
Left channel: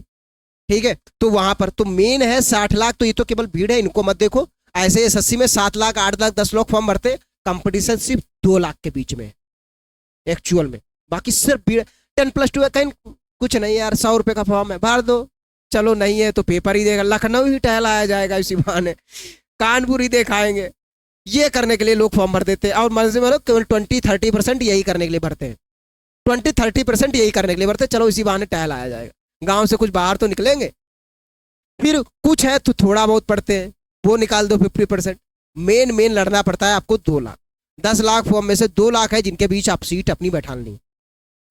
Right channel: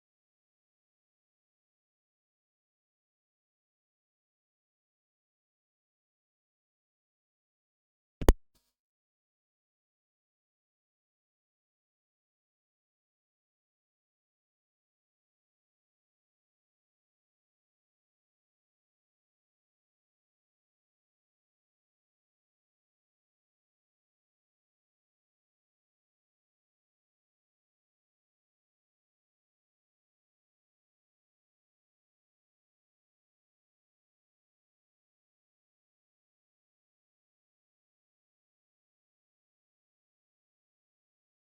ठीक है। तो वहां पर तो मेन है 60 लाख, तो ये तो केवल भीड़ है, इनको मत देखो। ऐसे एसएससी में 7 लाख, 8 लाख, 10 लाख फॉर्म भरते, कंपटीशन सिर्फ 2 लाख के बीच में एक्चुअल में। बाकी सिर्फ भीड़। 10+2 है, कहीं कुछ नहीं यार, 100 रुपए का फॉर्म है, भर दो, चलो नहीं है तो पेपर ही देगा, लखनऊ ही टहलाया जाएगा इसी बहाने, कानपुर ही देखाएंगे। ये करने के लिए लोग फॉर्म भर देते हैं, और मर्जी में लोग केवल 20-30% यही करने के लिए भरते हैं, 20-30% यही करने के लिए भरते, चलो इसी बहाने टहलाया जाएगा, गांव से कुछ बाहर तो निकलेंगे। फिर कुछ है तो थोड़ा बहुत पढ़ते हैं, वो निकाल दो 50%। मेन लड़ना पड़ता है आपको 2 लाख, 10 लाख फॉर्म में से 2 लाख है जिनके बीच आप सीट अपनी बैठानी है,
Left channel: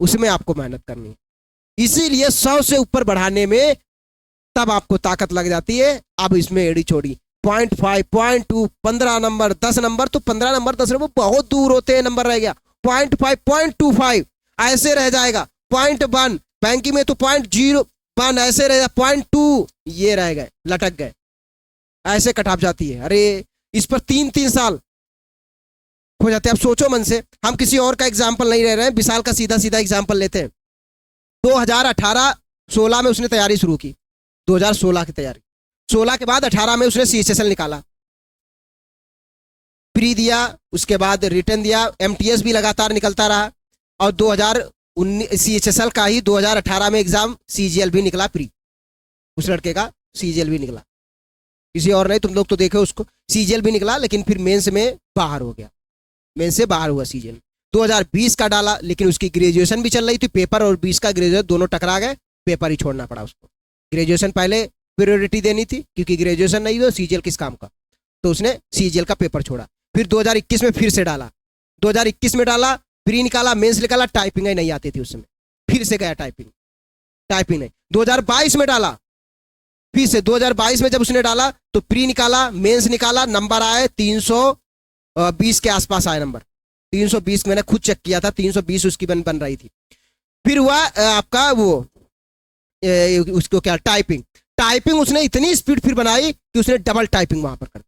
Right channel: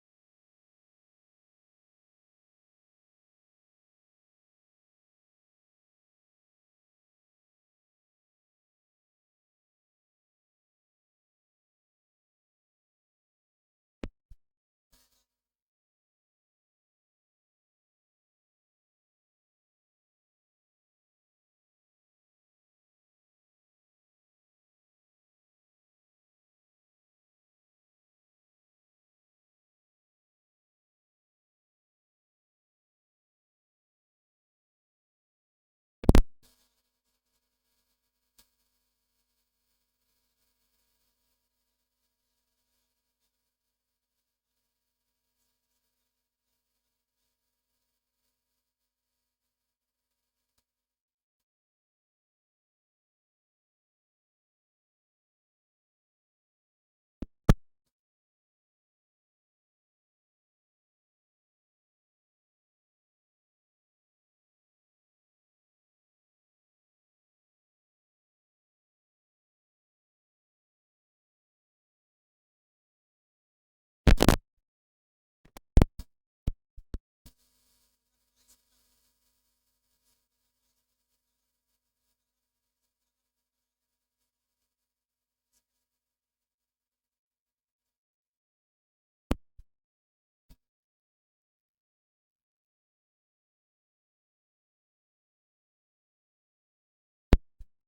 उसमें आपको मेहनत करनी है। इसीलिए 100 से ऊपर बढ़ाने में तब आपको ताकत लग जाती है। अब इसमें एड़ी छोड़ी 0.5, 0.2, 15 नंबर, 10 नंबर, तो 15 नंबर 10 नंबर बहुत दूर होते हैं, नंबर रह गया 0.5, 0.25 ऐसे रह जाएगा, 0.1 बैंकिंग में तो 0.01 ऐसे रह, 0.2 ये रह गए, लटक गए, ऐसे कटाप जाती है। अरे इस पर 3-3 साल हो जाते हैं। अब सोचो मन से, हम किसी और का एग्जाम्पल नहीं ले रहे हैं, विशाल का सीधा सीधा एग्जाम्पल लेते हैं। 2018-16 में उसने तैयारी शुरू की, 2016 की तैयारी, 16 के बाद 18 में उसने CHSL निकाला, प्री दिया, उसके बाद रिटर्न दिया, MTS भी लगातार निकलता रहा, और 2019 CHSL का ही 2018 में एग्जाम CGL भी निकला प्री, उस लड़के का CGL भी निकला, किसी और नहीं, तुम लोग तो देखे उसको, CGL भी निकला, लेकिन फिर मेंस में बाहर हो गया, मेंस से बाहर हुआ CGL। 2020 का डाला, लेकिन उसकी ग्रेजुएशन भी चल रही थी, पेपर और 20 का ग्रेजुएशन दोनों टकरा गए, पेपर ही छोड़ना पड़ा उसको। ग्रेजुएशन पहले प्रायोरिटी देनी थी, क्योंकि ग्रेजुएशन नहीं तो CGL किस काम का, तो उसने CGL का पेपर छोड़ा। फिर 2021 में फिर से डाला, 2021 में डाला, प्री निकाला, मेंस निकाला, टाइपिंग ही नहीं आती थी उस समय, फिर से गया टाइपिंग नहीं। 2022 में डाला, फिर से 2022 में जब उसने डाला तो प्री निकाला, मेंस निकाला, नंबर आए 320 के आसपास आए नंबर, 320 मैंने खुद चेक किया था, 320 उसकी बन रही थी। फिर हुआ आपका वो उसको क्या, टाइपिंग उसने इतनी स्पीड फिर बनाई कि उसने डबल टाइपिंग वहां पर कर,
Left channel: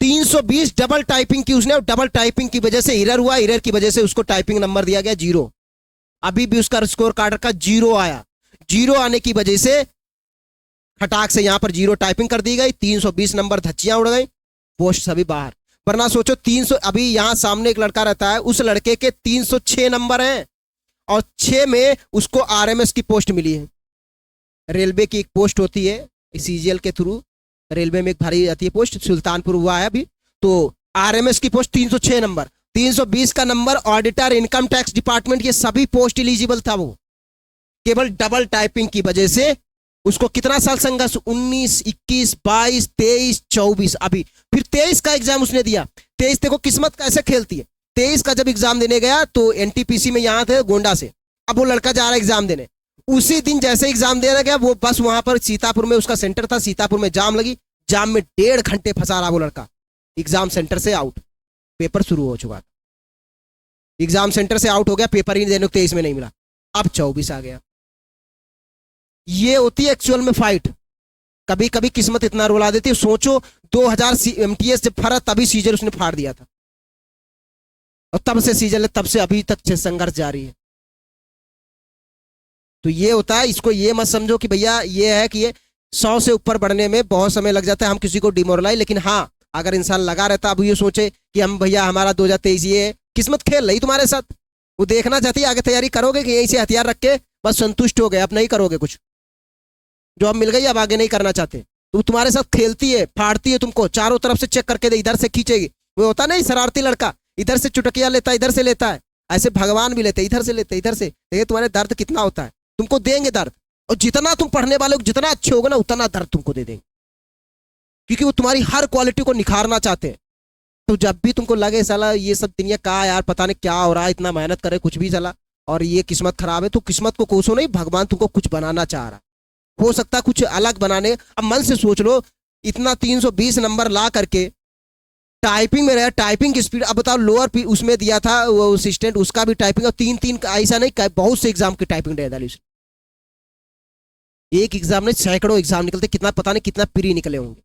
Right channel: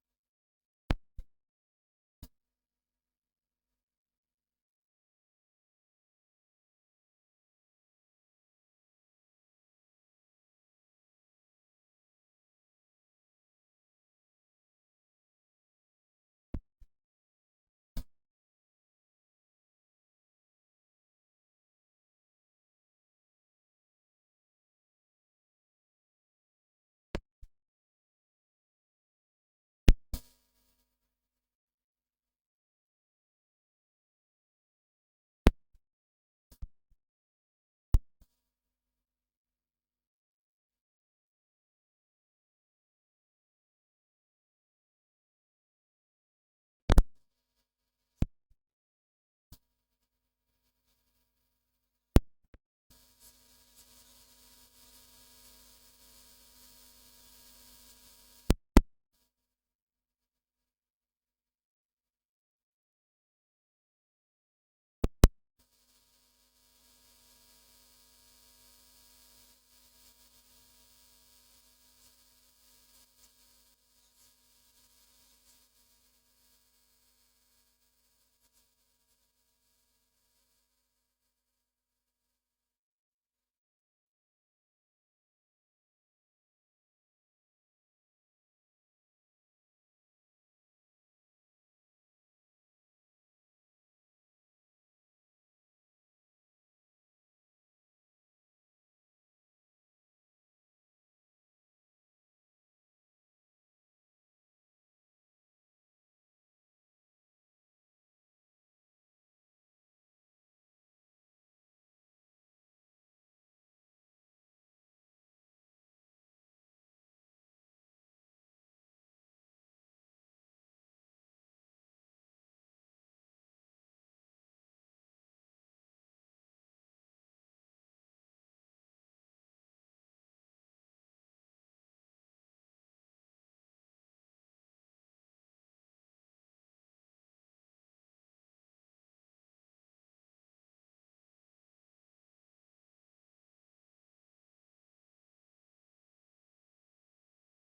320 डबल टाइपिंग की उसने, और डबल टाइपिंग की वजह से एरर हुआ, एरर की वजह से उसको टाइपिंग नंबर दिया गया 0, अभी भी उसका स्कोर कार्ड का 0 आया। 0 आने की वजह से खटाक से यहां पर 0 टाइपिंग कर दी गई, 320 नंबर धच्चियां उड़ गई, पोस्ट सभी बाहर। वरना सोचो 300, अभी यहां सामने एक लड़का रहता है, उस लड़के के 306 नंबर हैं, और 6 में उसको RMS की पोस्ट मिली है। रेलवे की एक पोस्ट होती है CGL के थ्रू, रेलवे में एक भरी जाती है पोस्ट, सुल्तानपुर हुआ है अभी, तो RMS की पोस्ट 306 नंबर, 320 का number, auditor, income tax department, ये सभी पोस्ट एलिजिबल था वो, केवल डबल टाइपिंग की वजह से उसको कितना साल संघर्ष, 19, 21, 22, 23, 24, अभी फिर 23 का एग्जाम उसने दिया। 23 देखो किस्मत कैसे खेलती है, 23 का जब एग्जाम देने गया तो NTPC में यहाँ थे गोंडा से, अब वो लड़का जा रहा है एग्जाम देने, उसी दिन जैसे एग्जाम देने गया वो बस वहां पर सीतापुर में उसका सेंटर था, सीतापुर में जाम लगी, जाम में 1.5 घंटे फंसा रहा वो लड़का, एग्जाम सेंटर से आउट, पेपर शुरू हो चुका था, एग्जाम सेंटर से आउट हो गया, पेपर ही देने को 23 में नहीं मिला, अब 24 आ गया। ये होती है एक्चुअल में फाइट, कभी कभी किस्मत इतना रुला देती है। सोचो 2000 MTS जब फरा तभी CGL उसने फाड़ दिया था, और तब से CGL तब से अभी तक संघर्ष जारी है। तो ये होता है, इसको ये मत समझो कि भैया ये है कि ये 100 से ऊपर बढ़ने में बहुत समय लग जाता है, हम किसी को डिमोरलाइज, लेकिन हाँ अगर इंसान लगा रहता, अब ये सोचे कि हम भैया हमारा 2023 ये किस्मत खेल रही तुम्हारे साथ, वो देखना चाहती है आगे तैयारी करोगे कि यहीं से हथियार रख के बस संतुष्ट हो गए, अब नहीं करोगे कुछ, जो अब मिल गई अब आगे नहीं करना चाहते, तो तुम्हारे साथ खेलती है, फाड़ती है तुमको, चारों तरफ से चेक करके दे, इधर से खींचेगी, वो होता नहीं शरारती लड़का, इधर से चुटकिया लेता है, इधर से लेता है, ऐसे भगवान भी लेते, इधर से लेते, इधर से। देखिए तुम्हारे दर्द कितना होता है, तुमको देंगे दर्द, और जितना तुम पढ़ने वाले हो, जितना अच्छे होगे ना, उतना दर्द तुमको दे देंगे, क्योंकि वो तुम्हारी हर क्वालिटी को निखारना चाहते हैं। तो जब भी तुमको लगे साला ये सब दुनिया का यार पता नहीं क्या हो रहा है, इतना मेहनत करे कुछ भी चला, और ये किस्मत खराब है, तो किस्मत को कोसो नहीं, भगवान तुमको कुछ बनाना चाह रहा है। हो सकता है कुछ अलग बनाने। अब मन से सोच लो, इतना 320 नंबर ला करके टाइपिंग में रहा, टाइपिंग की स्पीड, अब बताओ लोअर उसमें दिया था वो असिस्टेंट, उसका भी टाइपिंग, और 3-3 ऐसा नहीं, बहुत से एग्जाम की टाइपिंग दे डाली उसने। एक एग्जाम में सैकड़ों एग्जाम निकलते, कितना पता नहीं कितना प्री निकले होंगे।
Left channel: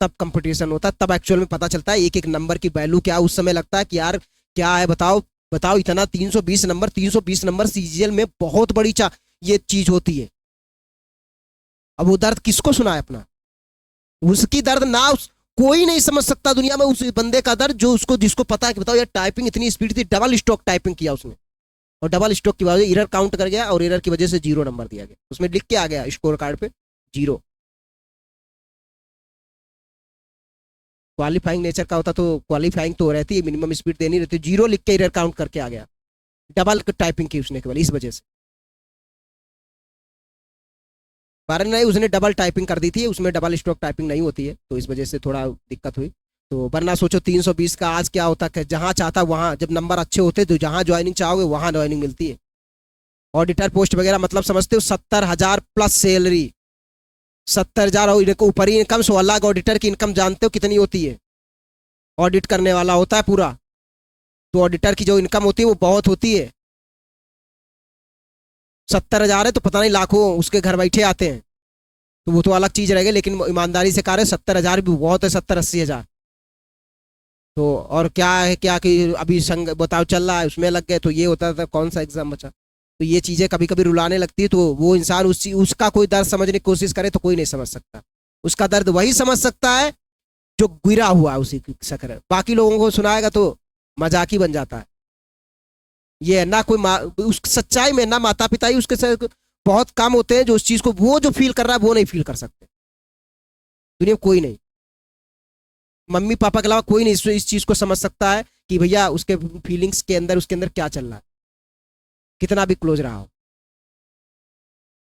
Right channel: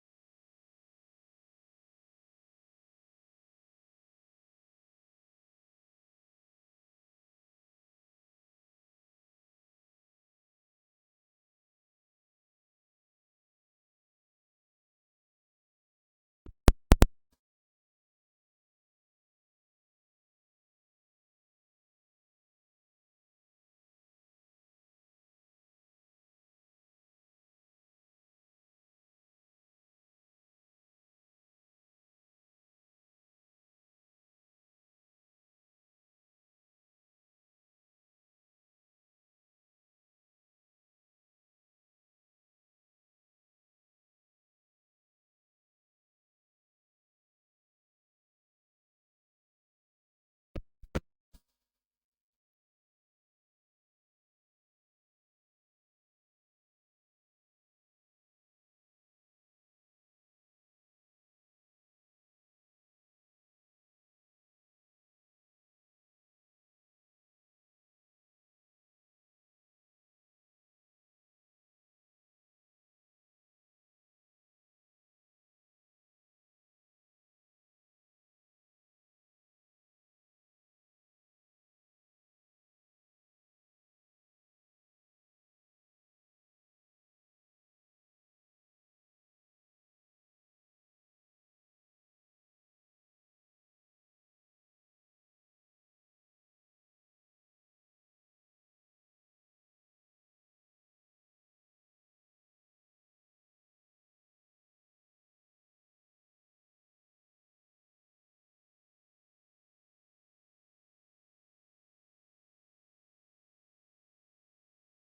तब कंपटीशन होता है, तब एक्चुअल में पता चलता है एक एक नंबर की वैल्यू क्या। उस समय लगता है कि यार क्या है, बताओ बताओ, इतना 320 नंबर, 320 नंबर सीजीएल में बहुत बड़ी ये चीज होती है। अब वो दर्द किसको सुनाए अपना, उसकी दर्द ना कोई नहीं समझ सकता दुनिया में उस बंदे का दर्द, जो उसको जिसको पता है कि बताओ यार टाइपिंग इतनी स्पीड थी, डबल स्ट्रोक टाइपिंग किया उसने, और डबल स्ट्रोक की वजह एरर काउंट कर गया, और एरर की वजह से 0 नंबर दिया गया, उसमें लिख के आ गया स्कोर कार्ड पे 0। क्वालिफाइंग नेचर का होता तो क्वालिफाइंग तो रहती है, मिनिमम स्पीड देनी रहती, 0 लिख के एरर काउंट करके आ गया, डबल टाइपिंग की उसने केवल इस वजह से। कारण नहीं, उसने डबल टाइपिंग कर दी थी, उसमें डबल स्ट्रोक टाइपिंग नहीं होती है, तो इस वजह से थोड़ा दिक्कत हुई। तो वरना सोचो 320 का आज क्या होता है, जहां चाहता वहां, जब नंबर अच्छे होते तो जहां ज्वाइनिंग चाहोगे वहां ज्वाइनिंग मिलती है। ऑडिटर पोस्ट वगैरह मतलब समझते हो, 70,000 प्लस सैलरी, 70,000 और ऊपर ही इनकम, 16 लाख ऑडिटर की इनकम जानते हो कितनी होती है, ऑडिट करने वाला होता है पूरा, तो ऑडिटर की जो इनकम होती है वो बहुत होती है। 70,000 है तो पता नहीं लाखों उसके घर बैठे आते हैं, तो वो तो अलग चीज रहेगी, लेकिन ईमानदारी से कह रहे 70,000 भी बहुत है, 70-80,000। तो और क्या है, क्या कि अभी संग बताओ चल रहा है, उसमें लग गए तो ये होता था, कौन सा एग्जाम बचा। तो ये चीजें कभी कभी रुलाने लगती है, तो वो इंसान उसका कोई दर्द समझने की कोशिश करे तो कोई नहीं समझ सकता, उसका दर्द वही समझ सकता है जो गिरा हुआ है उसी शक्कर, बाकी लोगों को सुनाएगा तो मजाक ही बन जाता है। ये है ना, कोई उस सच्चाई में ना माता पिता ही उसके साथ बहुत कम होते हैं, जो उस चीज को वो जो फील कर रहा है वो नहीं फील कर सकते, दुनिया में कोई नहीं, मम्मी पापा के अलावा कोई नहीं इस चीज को समझ सकता है कि भैया उसके फीलिंग्स के अंदर, उसके अंदर क्या चल रहा है, कितना भी क्लोज रहा हो।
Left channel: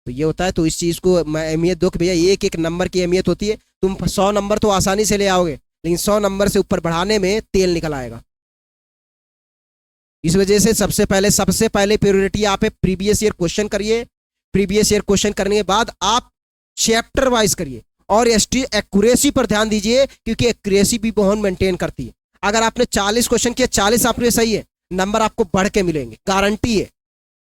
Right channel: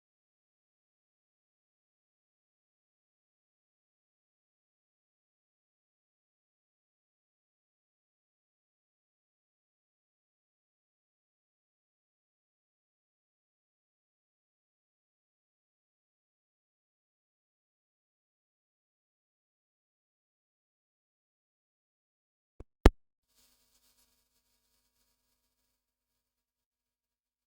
तो ये होता है, तो इस चीज को अहमियत दो कि भैया एक एक नंबर की अहमियत होती है। तुम 100 नंबर तो आसानी से ले आओगे, लेकिन 100 नंबर से ऊपर बढ़ाने में तेल निकल आएगा। इस वजह से सबसे पहले प्रायोरिटी आप प्रीवियस ईयर क्वेश्चन करिए, प्रीवियस ईयर क्वेश्चन करने के बाद आप चैप्टर वाइज करिए, और एक्यूरेसी पर ध्यान दीजिए, क्योंकि एक्यूरेसी भी बहुत मेंटेन करती है। अगर आपने 40 क्वेश्चन किया, 40 आपने सही है, नंबर आपको बढ़ के मिलेंगे, गारंटी है,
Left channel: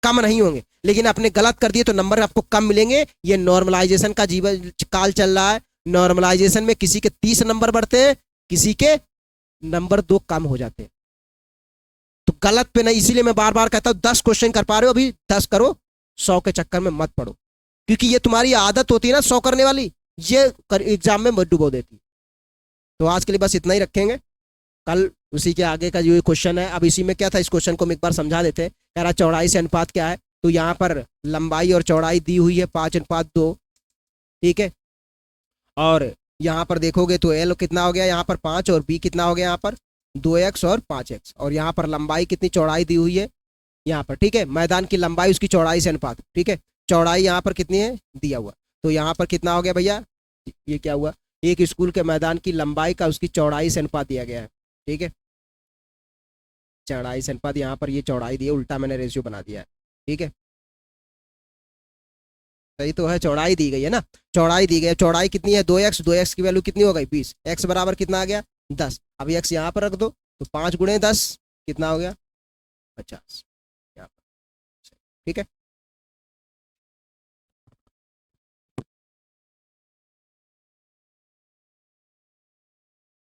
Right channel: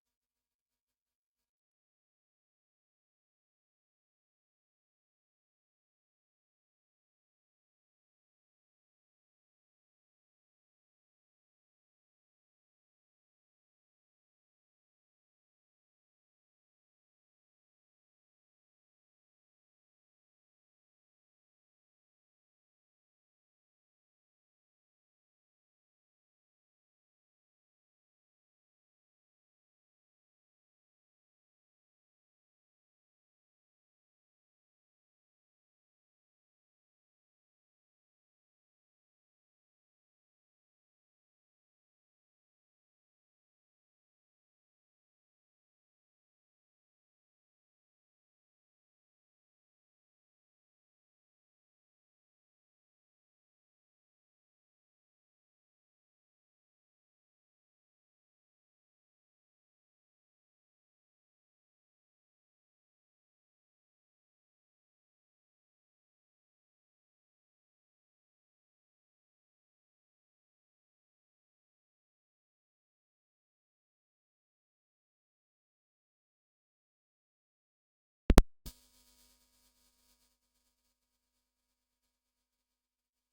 कम नहीं होंगे। लेकिन आपने गलत कर दिए तो नंबर आपको कम मिलेंगे। ये नॉर्मलाइजेशन का जीवन काल चल रहा है, नॉर्मलाइजेशन में किसी के 30 नंबर बढ़ते हैं, किसी के नंबर 2 कम हो जाते हैं। तो गलत पे नहीं, इसीलिए मैं बार बार कहता हूं 10 क्वेश्चन कर पा रहे हो अभी 10 करो, 100 के चक्कर में मत पड़ो, क्योंकि ये तुम्हारी आदत होती है ना 100 करने वाली, ये एग्जाम में मत डुबो देती। तो आज के लिए बस इतना ही रखेंगे, कल उसी के आगे का जो क्वेश्चन है। अब इसी में क्या था, इस क्वेश्चन को हम एक बार समझा देते हैं। कह रहा चौड़ाई से अनुपात क्या है, तो यहाँ पर लंबाई और चौड़ाई दी हुई है 5:2, ठीक है। और यहाँ पर देखोगे तो एल कितना हो गया यहाँ पर 5, और बी कितना हो गया यहाँ पर 2x और 5x, और यहाँ पर लंबाई कितनी, चौड़ाई दी हुई है यहाँ पर, ठीक है। मैदान की लंबाई उसकी चौड़ाई से अनुपात, ठीक है। चौड़ाई यहाँ पर कितनी है दिया हुआ, तो यहाँ पर कितना हो गया भैया, ये क्या हुआ, एक स्कूल के मैदान की लंबाई का उसकी चौड़ाई से अनुपात दिया गया है, ठीक है। चौड़ाई से अनुपात, यहाँ पर ये चौड़ाई दी है, उल्टा मैंने रेशियो बना दिया है, ठीक है। सही तो है, चौड़ाई दी गई है ना, चौड़ाई दी गई है। चौड़ाई कितनी है 2x, 2x की वैल्यू कितनी हो गई 20, x बराबर कितना आ गया 10। अब x यहाँ पर रख दो, तो 5 × 10 कितना हो गया 50, ठीक है।